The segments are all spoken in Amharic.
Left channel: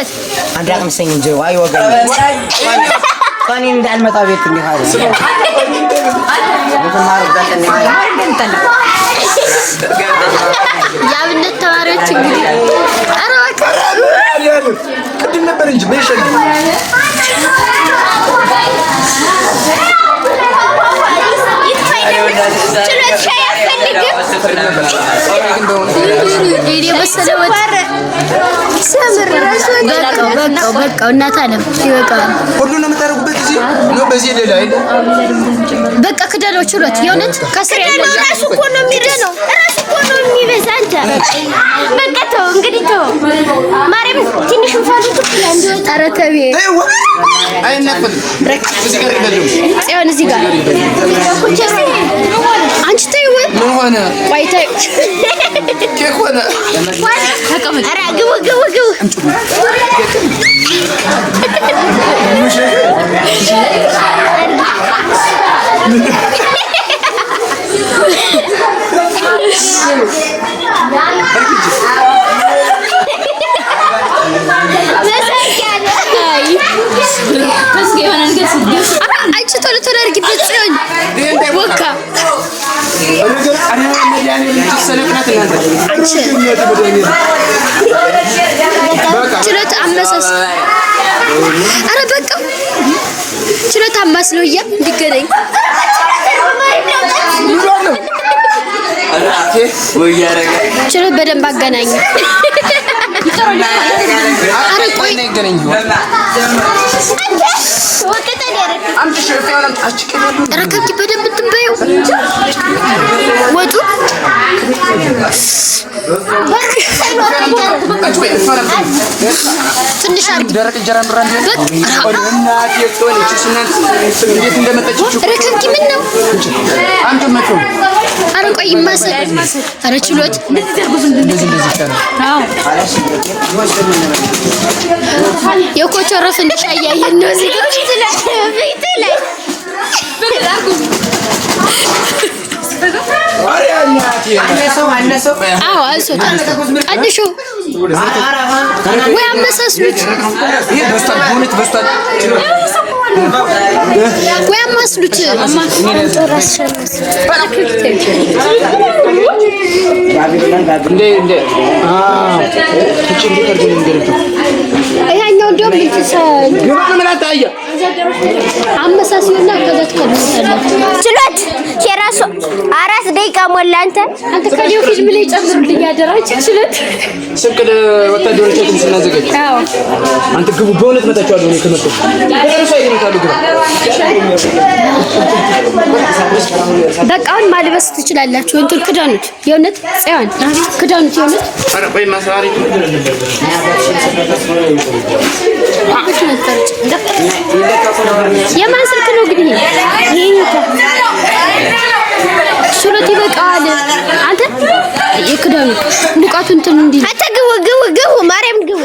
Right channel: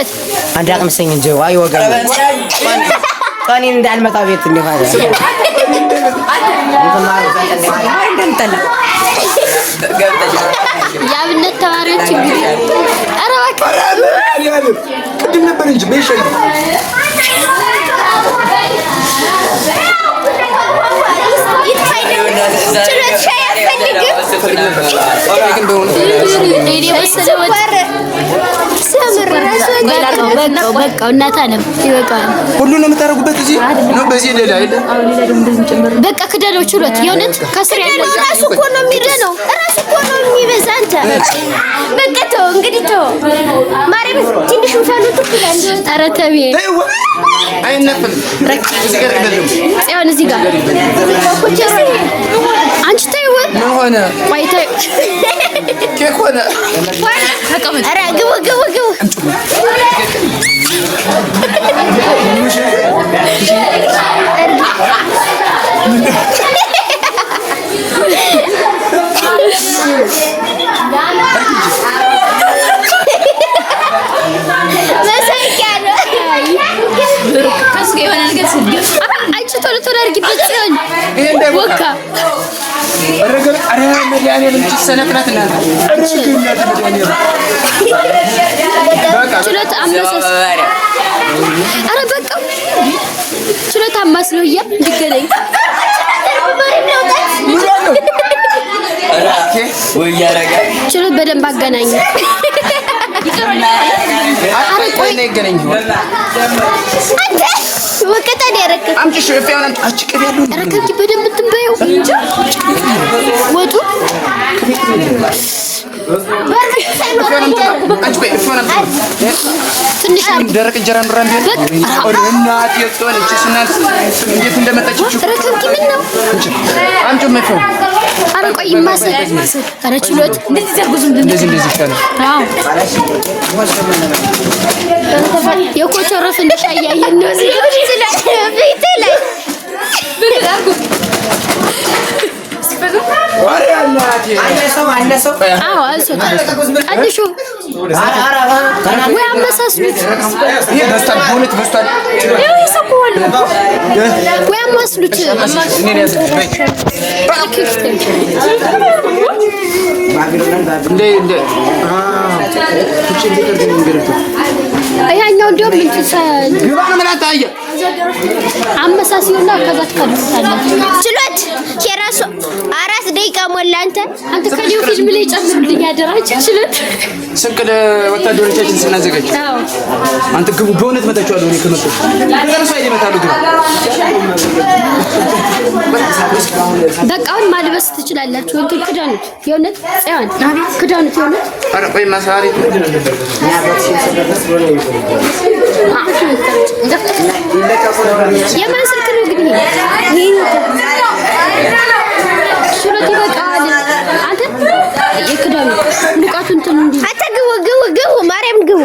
ችሎት አዳቅ መሰኝ እንጂ አይ ወጋኝ ካኒ እንዳልመጣ ቤት እንዲካለ የአብነት ተማሪዎች እንግዲህ ኧረ ቅድም ነበር እንጂ በይሸግ በቃ እናት አለም ይበቃል። ሁሉንም የምታደርጉበት እዚህ ነው። በዚህ ሌላ አይደል? በቃ ክደለው ችሎት የሆነች ከስር ያለው ራሱ እኮ ነው የሚደነው ራሱ እኮ ነው የሚበዛ አንተ በቃ ተው እንግዲህ ተው ማርያም ትንሽ እንፈልግ ይችላል እንዴ? ኧረ ተቤ አይነፈል እዚህ ጋር ይበልም ጽዮን እዚህ ጋር አንቺ ተይው ምን ሆነ? ቆይ ተይ ኬክ ሆነ። ኧረ ግቡ አንቺ ቶሎ አድርጊበት ሲሆን ወካ ችሎት አመሳስ ኧረ በቃ ችሎት አማስለው እያ እንዲገናኝ ችሎት በደንብ አገናኝ። ኧረ ቆይ ወቀጣን ያረከብ ረከብኪ በደንብ ትንበየው ወጡ ትንሽ ደረቅ እንጀራ ምራን እናት የጾለች ስናንት እንዴት እንደመጣችው ረከብኪ ምን ነው አንተ መጥቶ ኧረ ቆይ ማሰል ኧረ ችሎት እንደዚህ ታለ የኮቸረፍ እንሻያየን ነው እዚህ ቤት አሬ እናቴ አነሰው አዎ አንሶታ ቀንሹ ወይ አመሳስሉት ይሄ በስታል ቦኔት በስታል ወይ አማስሉት እንደ ትጭልከር እንደምንገረቱ አይኛው እንደውም ምን አታየ አመሳስሉና ከዛ ትከብታለህ ችሎት የራሱ 4 ደቂቃ ሞላ። አንተ ከሊው ፊልም ላይ ጨምሩልኝ ያደራች ችሎት ስንቅል ወታደሮቻችን ስናዘጋጅ አዎ አንተ ግቡ በእውነት መጣቻለሁ እኔ ከመጣሁ በጣም ሰው ይመጣሉ ግራ በቃውን ማልበስ ትችላላችሁ። እንትን ክዳኑት የእውነት ጽዮን ክዳኑት የእውነት ኧረ ቆይ ማሳሪ የማን ስልክ ነው ግን ይሄ ሹረት ይበቃዋል። አንተ የክዳኑ ንቃቱ እንትን እንዲ አንተ ግቡ ማርያም ግቡ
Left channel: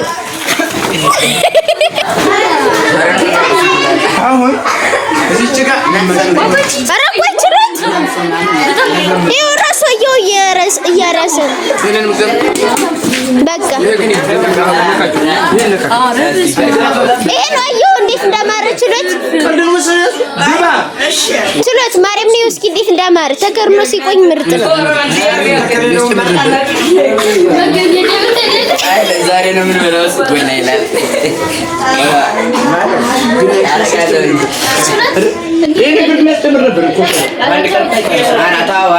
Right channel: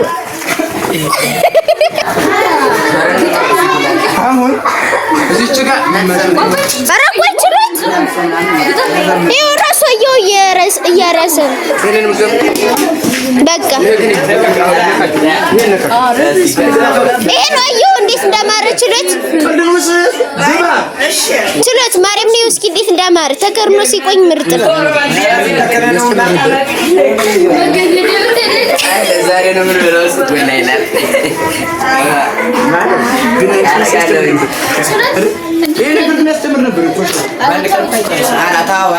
አሁን እዚህ ጭቃ አራቆይ ችሎት ይሄው ራሱ እያረሰ በቃ ይሄ ነው አየሁ እንዴት እንዳማረ ችሎት ማርያም ነው እስኪ እንዴት እንዳማረ ተከርኖ ሲቆኝ ምርጥ ነው። ዛሬ ነው ምን ብለውስ ጎና ይላል ግን ይሄ ነገር የሚያስተምር ነበር እኮ አንድ ቀን አናታው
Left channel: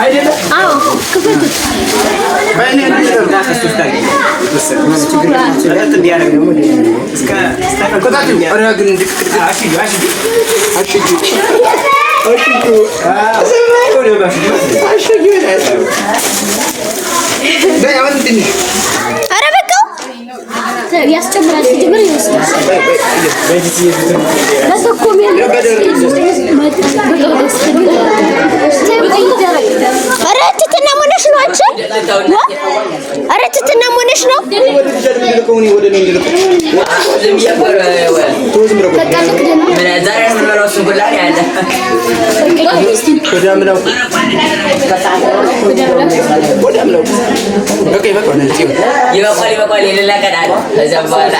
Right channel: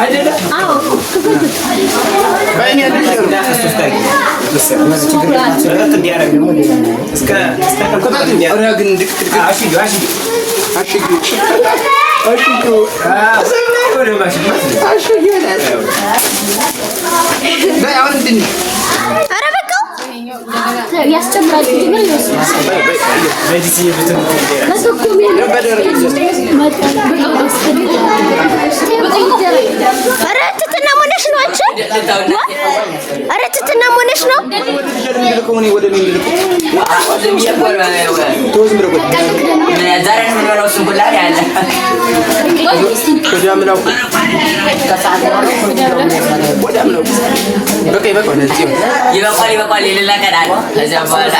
አይደለም አዎ ባይኔ ያስጨምራል ጀምር ይወስዳል አረትትና ሞነሽ ነው አንቺ አረትትና ሞነሽ ነው ወደ በቃ ይበቃል። ይበቃል የሌላ ቀን አለ ከዚያ በኋላ